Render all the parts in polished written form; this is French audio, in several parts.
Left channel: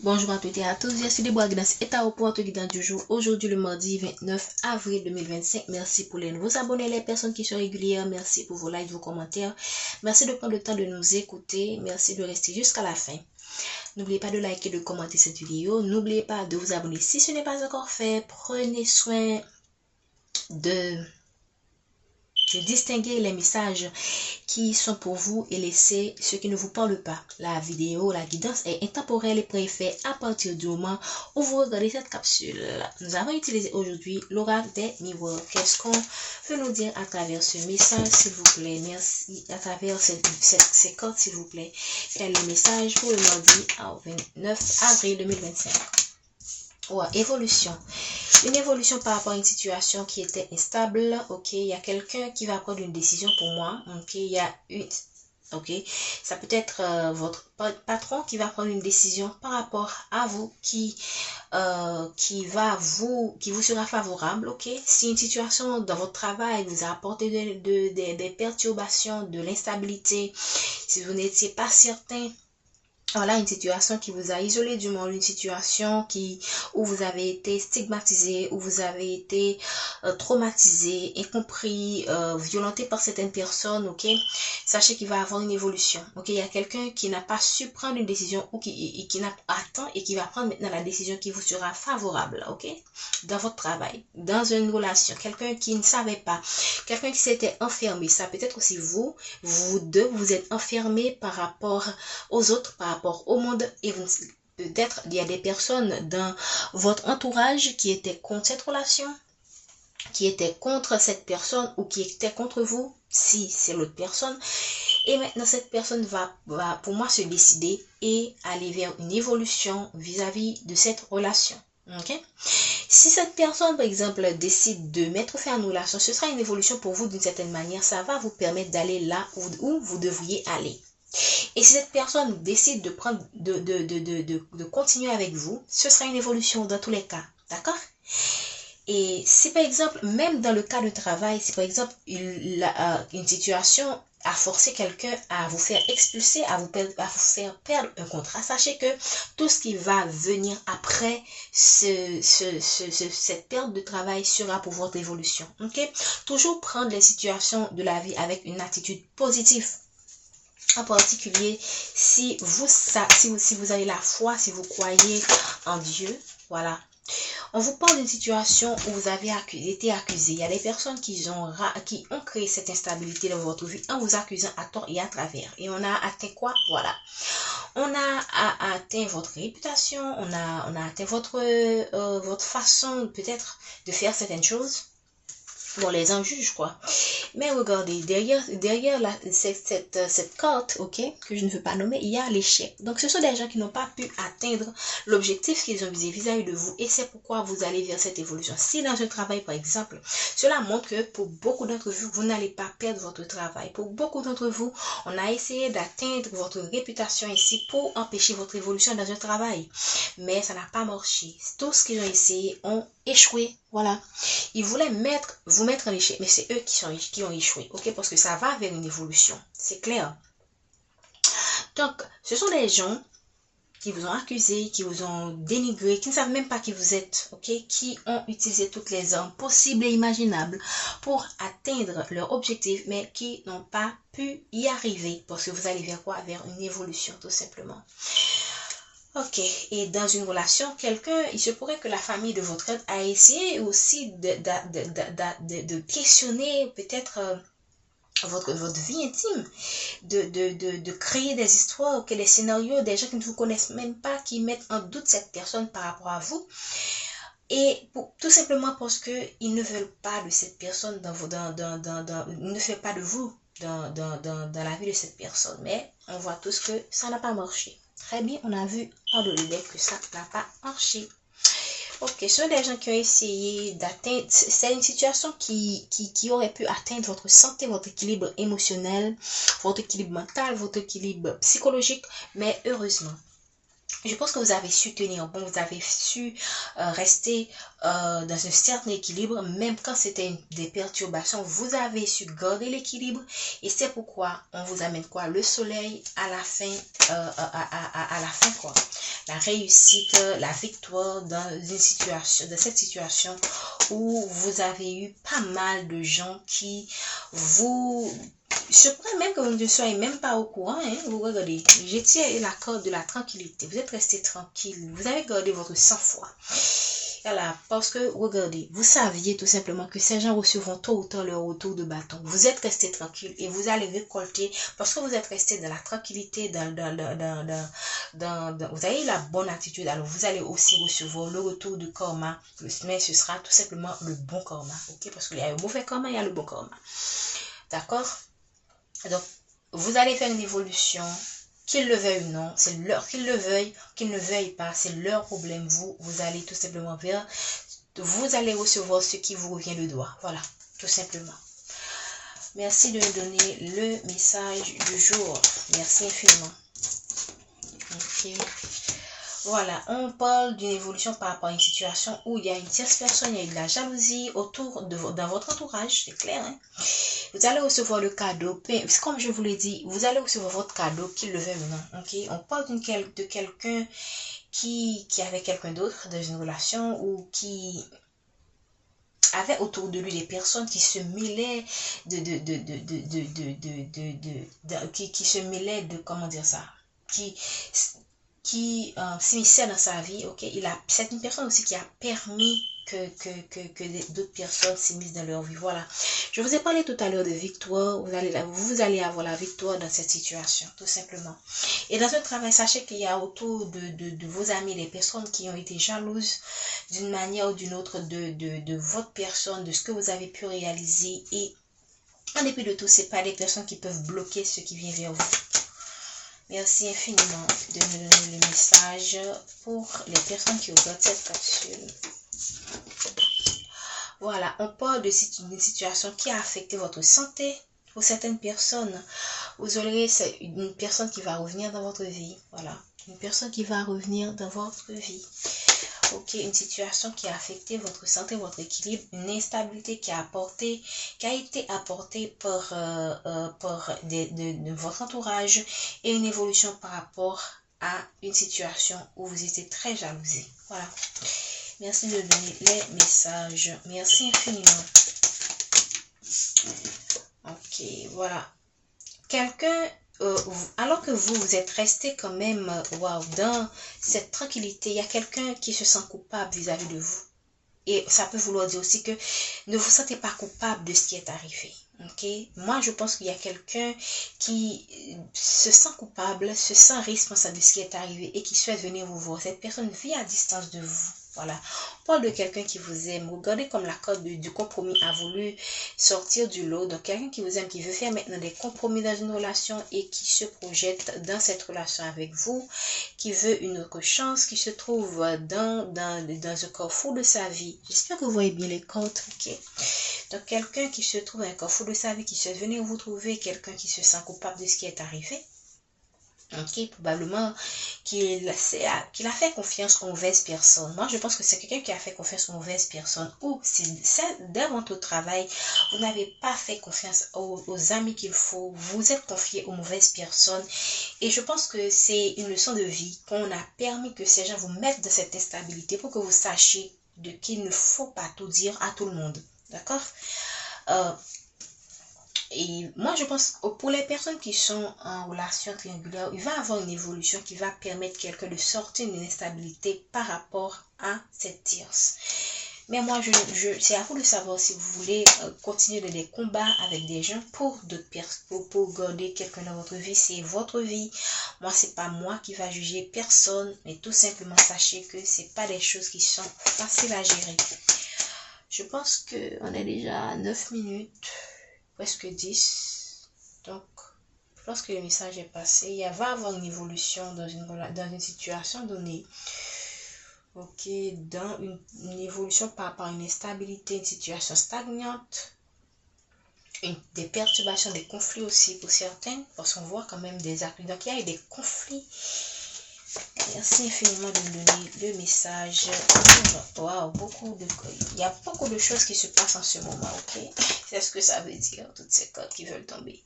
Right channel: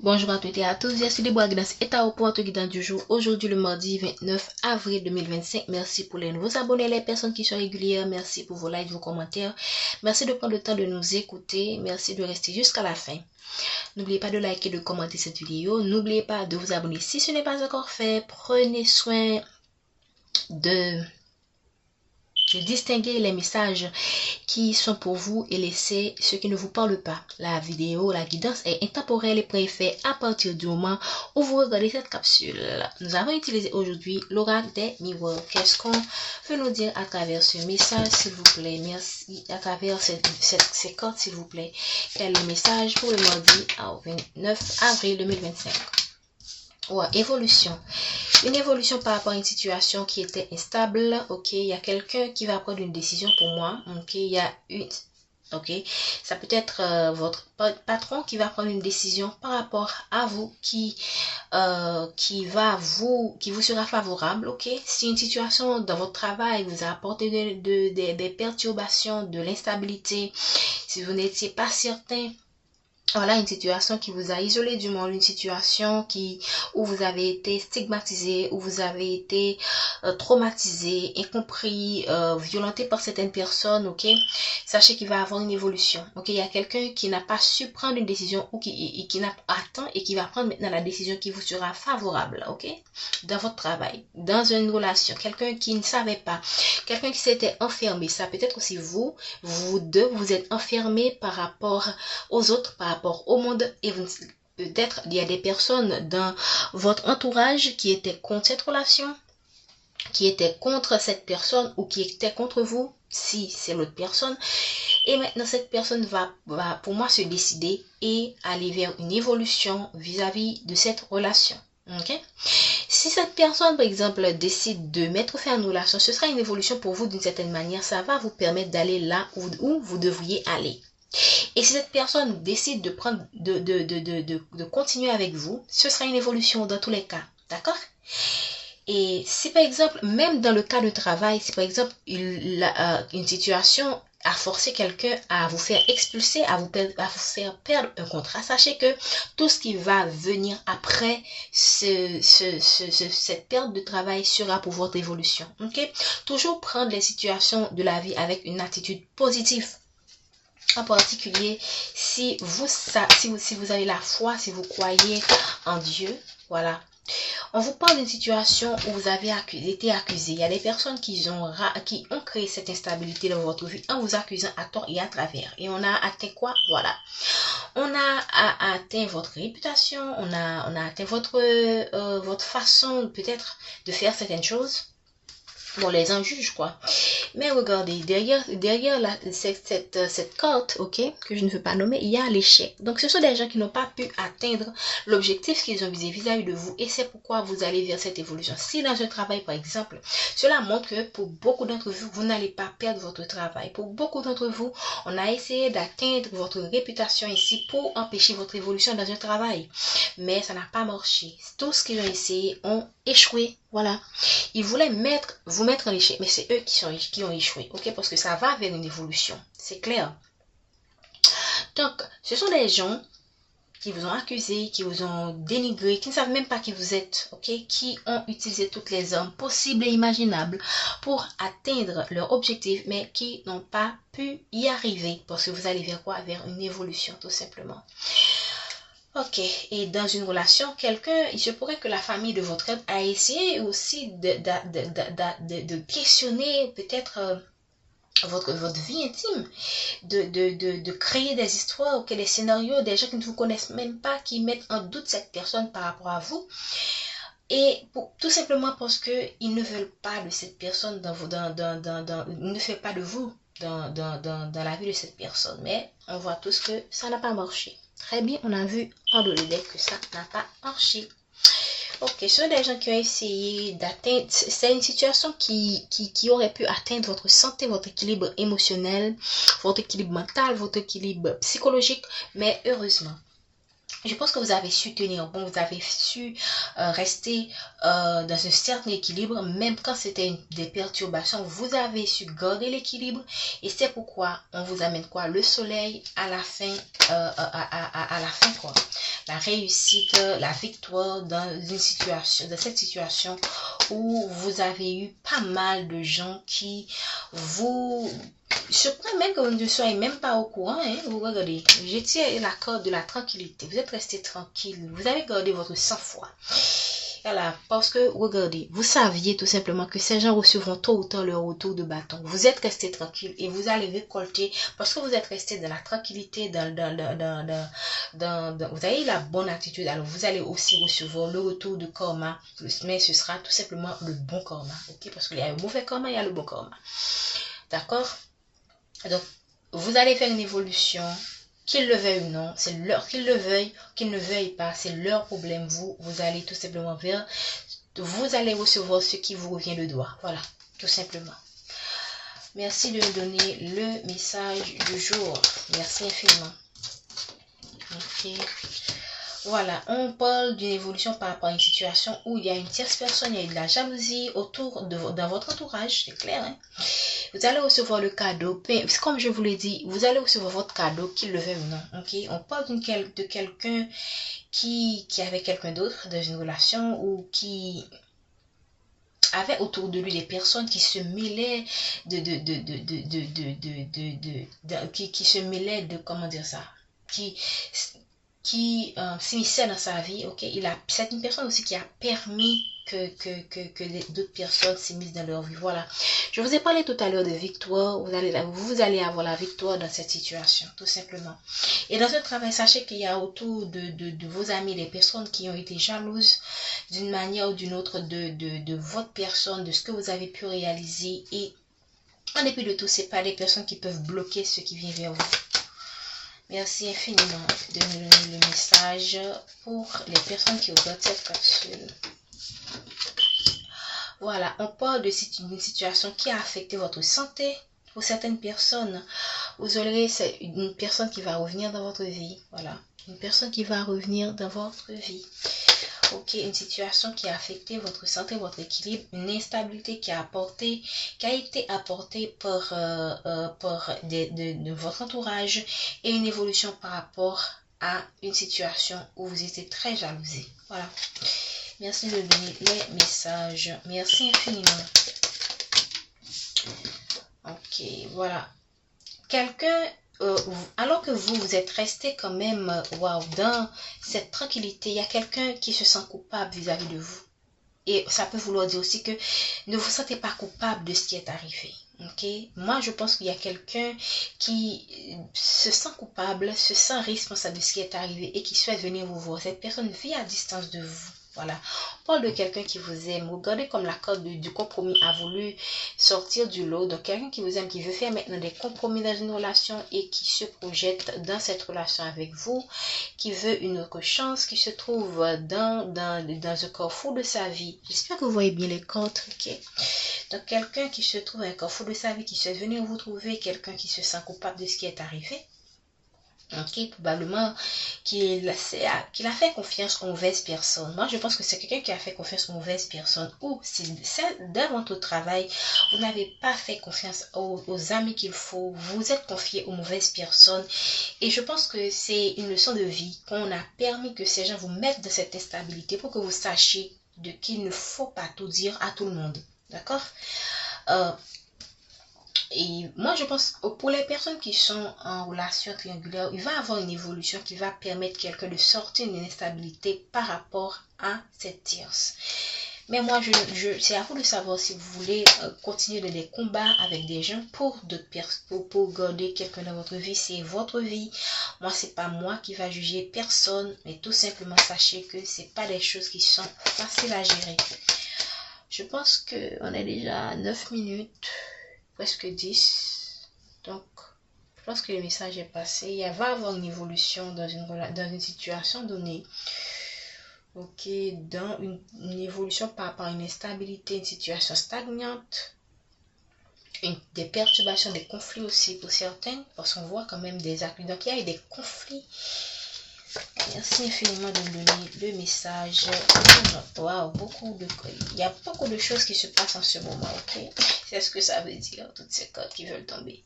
Bonjour à toutes et à tous, je suis Déborah Guidance et ta votre guidance du jour. Aujourd'hui le mardi 29 avril 2025. Merci pour les nouveaux abonnés, les personnes qui sont régulières. Merci pour vos likes, vos commentaires. Merci de prendre le temps de nous écouter. Merci de rester jusqu'à la fin. N'oubliez pas de liker et de commenter cette vidéo. N'oubliez pas de vous abonner si ce n'est pas encore fait. Prenez soin de distinguer les messages qui sont pour vous et laissez ceux qui ne vous parlent pas. La vidéo, la guidance est intemporelle et préfet à partir du moment où vous regardez cette capsule. Nous avons utilisé aujourd'hui l'oracle des miroirs. Qu'est-ce qu'on veut nous dire à travers ce message, s'il vous plaît? Merci. À travers ces cartes, s'il vous plaît. Quel est le message pour le mardi 29 avril 2025? Évolution. Une évolution par rapport à une situation qui était instable. Ok, il y a quelqu'un qui va prendre une décision pour moi. Ok, il y a une... Ok, ça peut être votre patron qui va prendre une décision par rapport à vous qui vous sera favorable. Ok, si une situation dans votre travail vous a apporté des perturbations, de l'instabilité, si vous n'étiez pas certain. Voilà une situation qui vous a isolé du monde, une situation où vous avez été stigmatisé, où vous avez été traumatisé, incompris, violenté par certaines personnes, ok? Sachez qu'il va y avoir une évolution, ok? Il y a quelqu'un qui n'a pas su prendre une décision ou qui n'a pas atteint et qui va prendre maintenant la décision qui vous sera favorable, ok? Dans votre travail, dans une relation, quelqu'un qui ne savait pas, quelqu'un qui s'était enfermé, ça peut être aussi vous deux, vous êtes enfermés par rapport aux autres, par rapport au monde, et peut-être il y a des personnes dans votre entourage qui étaient contre cette relation, qui étaient contre cette personne ou qui étaient contre vous si c'est l'autre personne, et maintenant cette personne va pour moi se décider et aller vers une évolution vis-à-vis de cette relation. Ok, si cette personne par exemple décide de mettre fin à une relation, ce sera une évolution pour vous d'une certaine manière. Ça va vous permettre d'aller là où vous devriez aller. Et si cette personne décide de prendre, de continuer avec vous, ce sera une évolution dans tous les cas. D'accord? Et si par exemple, même dans le cas de travail, si par exemple une situation a forcé quelqu'un à vous faire expulser, à vous faire perdre un contrat, sachez que tout ce qui va venir après cette perte de travail sera pour votre évolution. Ok? Toujours prendre les situations de la vie avec une attitude positive. En particulier, si vous avez la foi, si vous croyez en Dieu, voilà. On vous parle d'une situation où vous avez été accusé. Il y a des personnes qui ont créé cette instabilité dans votre vie en vous accusant à tort et à travers. Et on a atteint quoi? Voilà. On a atteint votre réputation, on a atteint votre façon peut-être de faire certaines choses. Bon, les en juge quoi. Mais regardez, derrière cette carte, ok, que je ne veux pas nommer, il y a l'échec. Donc, ce sont des gens qui n'ont pas pu atteindre l'objectif qu'ils ont visé vis-à-vis de vous. Et c'est pourquoi vous allez vers cette évolution. Si dans un travail, par exemple, cela montre que pour beaucoup d'entre vous, vous n'allez pas perdre votre travail. Pour beaucoup d'entre vous, on a essayé d'atteindre votre réputation ici pour empêcher votre évolution dans un travail. Mais ça n'a pas marché. Tout ce qu'ils ont essayé ont échoué. Voilà. Ils voulaient vous mettre en échec, mais c'est eux qui ont échoué, ok? Parce que ça va vers une évolution, c'est clair. Donc, ce sont des gens qui vous ont accusé, qui vous ont dénigré, qui ne savent même pas qui vous êtes, ok? Qui ont utilisé toutes les armes possibles et imaginables pour atteindre leur objectif, mais qui n'ont pas pu y arriver, parce que vous allez vers quoi? Vers une évolution, tout simplement. Ok, et dans une relation, il se pourrait que la famille de votre aide a essayé aussi de questionner peut-être votre vie intime, de créer des histoires, des scénarios, des gens qui ne vous connaissent même pas, qui mettent en doute cette personne par rapport à vous. Et tout simplement parce qu'ils ne veulent pas de cette personne ils ne veulent pas de vous dans la vie de cette personne. Mais on voit tous que ça n'a pas marché. Très bien, on a vu en dehors que ça n'a pas marché. Ok, ce sont des gens qui ont essayé d'atteindre, c'est une situation qui aurait pu atteindre votre santé, votre équilibre émotionnel, votre équilibre mental, votre équilibre psychologique, mais heureusement, je pense que vous avez su tenir bon, vous avez su rester dans un certain équilibre, même quand c'était des perturbations, vous avez su garder l'équilibre et c'est pourquoi on vous amène quoi? Le soleil à la fin, à la fin quoi. la réussite, la victoire dans cette situation où vous avez eu pas mal de gens qui vous se prennent même que vous ne soyez même pas au courant. Hein, vous regardez, j'étais la corde de la tranquillité. Vous êtes resté tranquille. Vous avez gardé votre sang-froid. Voilà, parce que, regardez, vous saviez tout simplement que ces gens recevront tôt ou tard leur retour de bâton. Vous êtes resté tranquille et vous allez récolter, parce que vous êtes resté dans la tranquillité, vous avez la bonne attitude, alors vous allez aussi recevoir le retour de karma, mais ce sera tout simplement le bon karma, ok? Parce qu'il y a le mauvais karma, il y a le bon karma. D'accord? Donc, vous allez faire une évolution. Qu'ils le veuillent ou non, c'est leur, qu'ils le veuillent, qu'ils ne veuillent pas, c'est leur problème. Vous allez tout simplement vers, vous allez recevoir ce qui vous revient de droit. Voilà, tout simplement. Merci de me donner le message du jour. Merci infiniment. Ok. Voilà, on parle d'une évolution par rapport à une situation où il y a une tierce personne, il y a de la jalousie autour dans votre entourage, c'est clair, hein? Vous allez recevoir le cadeau, comme je vous l'ai dit, vous allez recevoir votre cadeau, qu'il le veuille ou non, ok? On parle de quelqu'un qui avait quelqu'un d'autre dans une relation ou qui avait autour de lui des personnes qui se mêlaient qui se mêlaient de, comment dire ça, qui s'immisçait dans sa vie, ok? C'est une personne aussi qui a permis que d'autres personnes s'immiscent dans leur vie. Voilà. Je vous ai parlé tout à l'heure de victoire. Vous allez avoir la victoire dans cette situation, tout simplement. Et dans ce travail, sachez qu'il y a autour de vos amis des personnes qui ont été jalouses d'une manière ou d'une autre de votre personne, de ce que vous avez pu réaliser. Et en dépit de tout, ce n'est pas des personnes qui peuvent bloquer ce qui vient vers vous. Merci infiniment de nous donner le message pour les personnes qui regardent cette capsule. Voilà, on parle d'une situation qui a affecté votre santé. Pour certaines personnes, vous aurez une personne qui va revenir dans votre vie. Voilà, une personne qui va revenir dans votre vie. Ok, une situation qui a affecté votre santé, votre équilibre, une instabilité qui a été apportée par de votre entourage et une évolution par rapport à une situation où vous étiez très jalousé. Voilà. Merci de donner les messages. Merci infiniment. Ok, voilà. Quelqu'un, alors que vous êtes resté quand même dans cette tranquillité, il y a quelqu'un qui se sent coupable vis-à-vis de vous. Et ça peut vouloir dire aussi que ne vous sentez pas coupable de ce qui est arrivé. Ok? Moi, je pense qu'il y a quelqu'un qui se sent coupable, se sent responsable de ce qui est arrivé et qui souhaite venir vous voir. Cette personne vit à distance de vous. Voilà. On parle de quelqu'un qui vous aime. Regardez comme la corde du compromis a voulu sortir du lot. Donc, quelqu'un qui vous aime, qui veut faire maintenant des compromis dans une relation et qui se projette dans cette relation avec vous, qui veut une autre chance, qui se trouve dans un carrefour de sa vie. J'espère que vous voyez bien les cartes, ok? Donc, quelqu'un qui se trouve dans un carrefour de sa vie, qui souhaite venir vous trouver, quelqu'un qui se sent coupable de ce qui est arrivé. Ok, probablement qu'il a fait confiance aux mauvaises personnes. Moi, je pense que c'est quelqu'un qui a fait confiance aux mauvaises personnes. Ou si dans votre travail, vous n'avez pas fait confiance aux amis qu'il faut, vous êtes confié aux mauvaises personnes. Et je pense que c'est une leçon de vie qu'on a permis que ces gens vous mettent dans cette instabilité pour que vous sachiez qu'il ne faut pas tout dire à tout le monde. D'accord? Et moi, je pense que pour les personnes qui sont en relation triangulaire, il va avoir une évolution qui va permettre quelqu'un de sortir d'une instabilité par rapport à cette tierce. Mais moi, c'est à vous de savoir si vous voulez continuer des combats avec des gens pour d'autres personnes, pour garder quelqu'un dans votre vie. C'est votre vie. Moi, c'est pas moi qui va juger personne, mais tout simplement sachez que c'est pas des choses qui sont faciles à gérer. Je pense qu'on est déjà à 9 minutes. Presque 10. Donc, je pense que le message est passé. Il va y avoir une évolution dans une situation donnée. Ok, dans une évolution par rapport à une instabilité, une situation stagnante, des perturbations, des conflits aussi pour certains, parce qu'on voit quand même des actes. Donc, il y a eu des conflits. Merci infiniment de me donner le message. Wow, il y a beaucoup de choses qui se passent en ce moment, ok? C'est ce que ça veut dire, toutes ces cartes qui veulent tomber.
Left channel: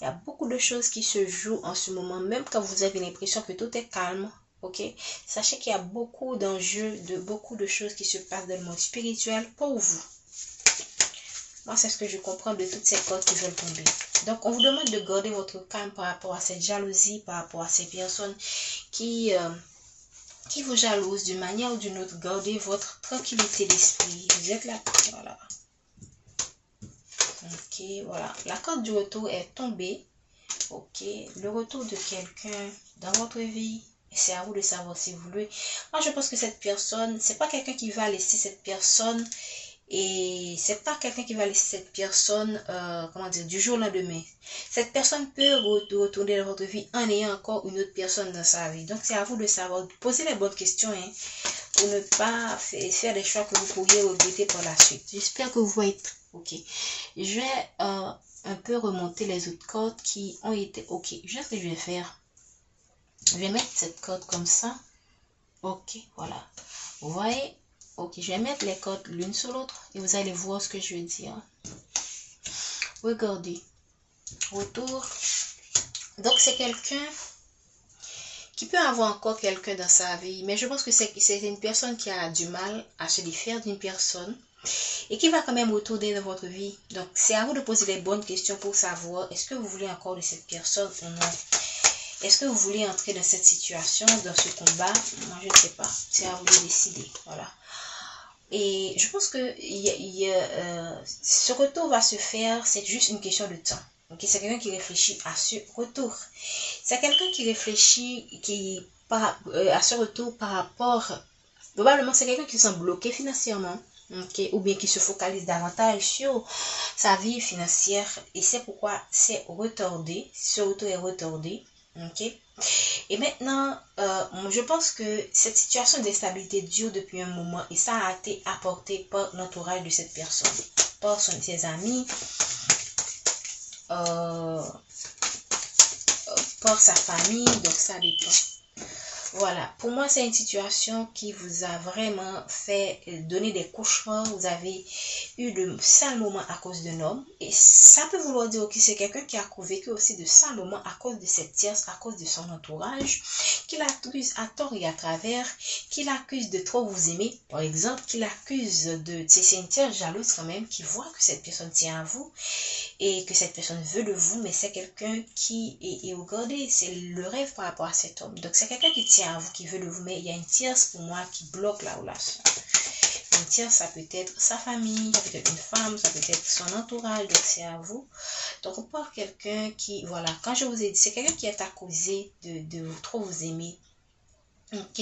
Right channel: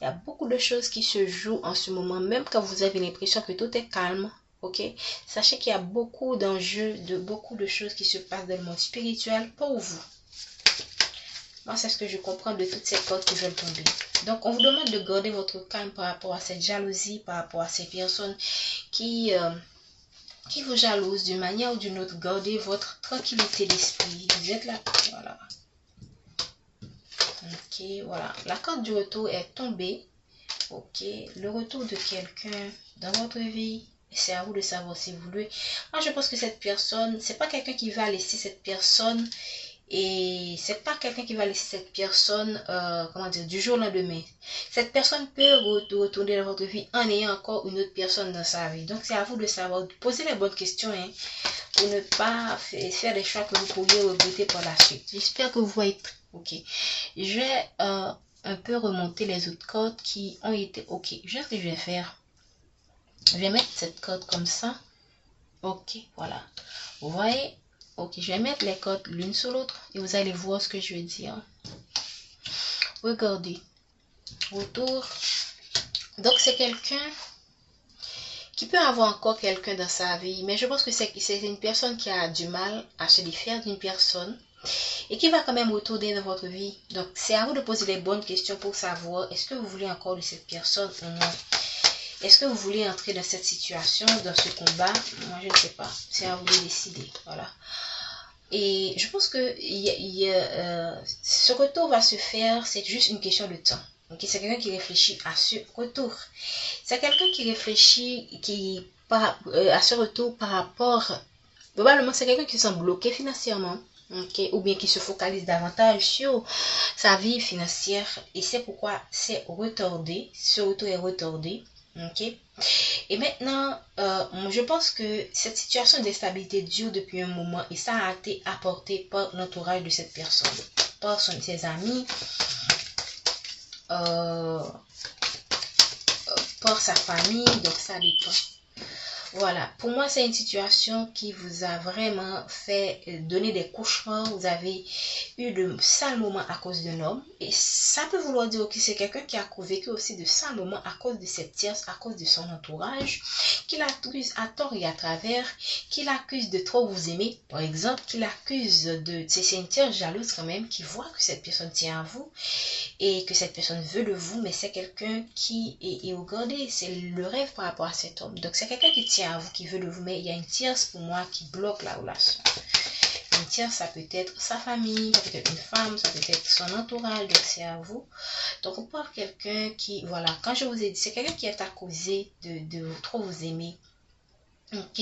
Il y a beaucoup de choses qui se jouent en ce moment, même quand vous avez l'impression que tout est calme. Ok, sachez qu'il y a beaucoup d'enjeux, beaucoup de choses qui se passent dans le monde spirituel pour vous. Moi, c'est ce que je comprends de toutes ces cartes qui veulent tomber. Donc, on vous demande de garder votre calme par rapport à cette jalousie, par rapport à ces personnes qui vous jalousent d'une manière ou d'une autre. Gardez votre tranquillité d'esprit. Vous êtes là, voilà. Ok, voilà. La carte du retour est tombée. Ok, le retour de quelqu'un dans votre vie. C'est à vous de savoir si vous voulez. Moi, je pense que cette personne, c'est pas quelqu'un qui va laisser cette personne. Et c'est pas quelqu'un qui va laisser cette personne, comment dire, du jour au lendemain. Cette personne peut retourner dans votre vie en ayant encore une autre personne dans sa vie. Donc, c'est à vous de savoir, de poser les bonnes questions, hein, pour ne pas faire des choix que vous pourriez regretter par la suite. J'espère que vous voyez. Ok. Je vais un peu remonter les autres cartes qui ont été. Ok. Je sais ce que je vais faire. Je vais mettre cette carte comme ça. Ok. Voilà. Vous voyez? Ok, je vais mettre les cartes l'une sur l'autre et vous allez voir ce que je veux dire. Regardez. Retour. Donc, c'est quelqu'un qui peut avoir encore quelqu'un dans sa vie, mais je pense que c'est une personne qui a du mal à se défaire d'une personne et qui va quand même retourner dans votre vie. Donc, c'est à vous de poser les bonnes questions pour savoir est-ce que vous voulez encore de cette personne ou non. Est-ce que vous voulez entrer dans cette situation, dans ce combat? Moi, je ne sais pas. C'est à vous de décider. Voilà. Et je pense que ce retour va se faire, c'est juste une question de temps. Okay? C'est quelqu'un qui réfléchit à ce retour. C'est quelqu'un qui réfléchit à ce retour par rapport... Probablement, c'est quelqu'un qui semble bloqué financièrement. Okay? Ou bien qui se focalise davantage sur sa vie financière. Et c'est pourquoi c'est retardé. Ce retour est retardé. Okay? Et maintenant, je pense que cette situation d'instabilité dure depuis un moment et ça a été apporté par l'entourage de cette personne, par ses amis, par sa famille, donc ça dépend. Voilà, pour moi c'est une situation qui vous a vraiment fait donner des cauchemars, vous avez eu de sales moments à cause d'un homme et ça peut vouloir dire que c'est quelqu'un qui a vécu aussi de sales moments à cause de cette tierce, à cause de son entourage, qui l'accuse à tort et à travers, qui l'accuse de trop vous aimer, par exemple, qui l'accuse de... C'est une tierce jalouse quand même, qui voit que cette personne tient à vous et que cette personne veut de vous, mais c'est quelqu'un qui est regardez, c'est le rêve par rapport à cet homme. Donc c'est quelqu'un qui tient à vous, qui veut de vous, mais il y a une tierce pour moi qui bloque la relation. Une tierce, ça peut être sa famille, ça peut être une femme, ça peut être son entourage, donc c'est à vous. Donc on parle quelqu'un qui, voilà, quand je vous ai dit, c'est quelqu'un qui est accusé de trop vous aimer. Ok,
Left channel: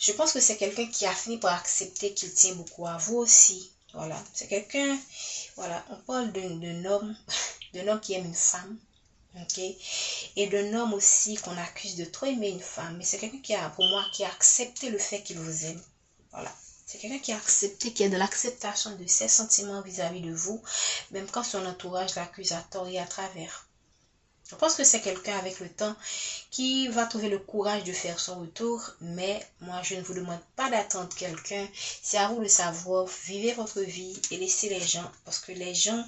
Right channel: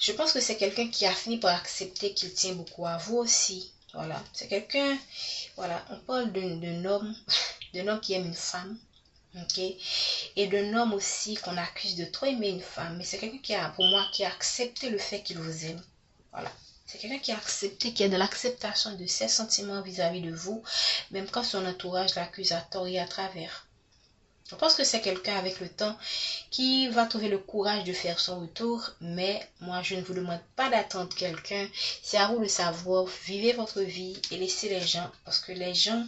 je pense que c'est quelqu'un qui a fini par accepter qu'il tient beaucoup à vous aussi. Voilà, c'est quelqu'un, voilà, on parle d'un homme qui aime une femme, ok, et d'un homme aussi qu'on accuse de trop aimer une femme, mais c'est quelqu'un qui a, pour moi, qui a accepté le fait qu'il vous aime, voilà. C'est quelqu'un qui a accepté, qui est de l'acceptation de ses sentiments vis-à-vis de vous, même quand son entourage l'accuse à tort et à travers. Je pense que c'est quelqu'un avec le temps qui va trouver le courage de faire son retour, mais moi je ne vous demande pas d'attendre quelqu'un, c'est à vous de savoir, vivez votre vie et laissez les gens, parce que les gens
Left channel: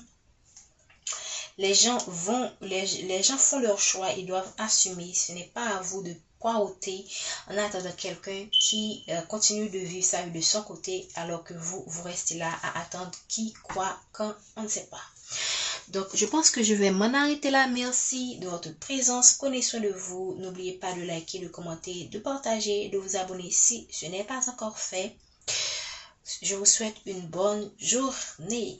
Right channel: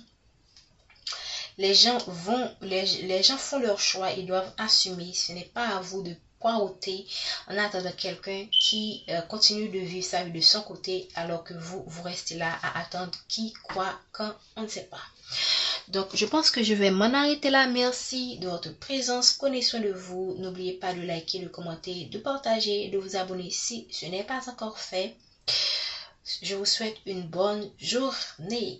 font leur choix, ils doivent assumer, ce n'est pas à vous de poireauter en attendant quelqu'un qui continue de vivre sa vie de son côté, alors que vous restez là à attendre qui, quoi, quand, on ne sait pas. Donc, je pense que je vais m'en arrêter là. Merci de votre présence. Prenez soin de vous. N'oubliez pas de liker, de commenter, de partager, de vous abonner si ce n'est pas encore fait. Je vous souhaite une bonne journée.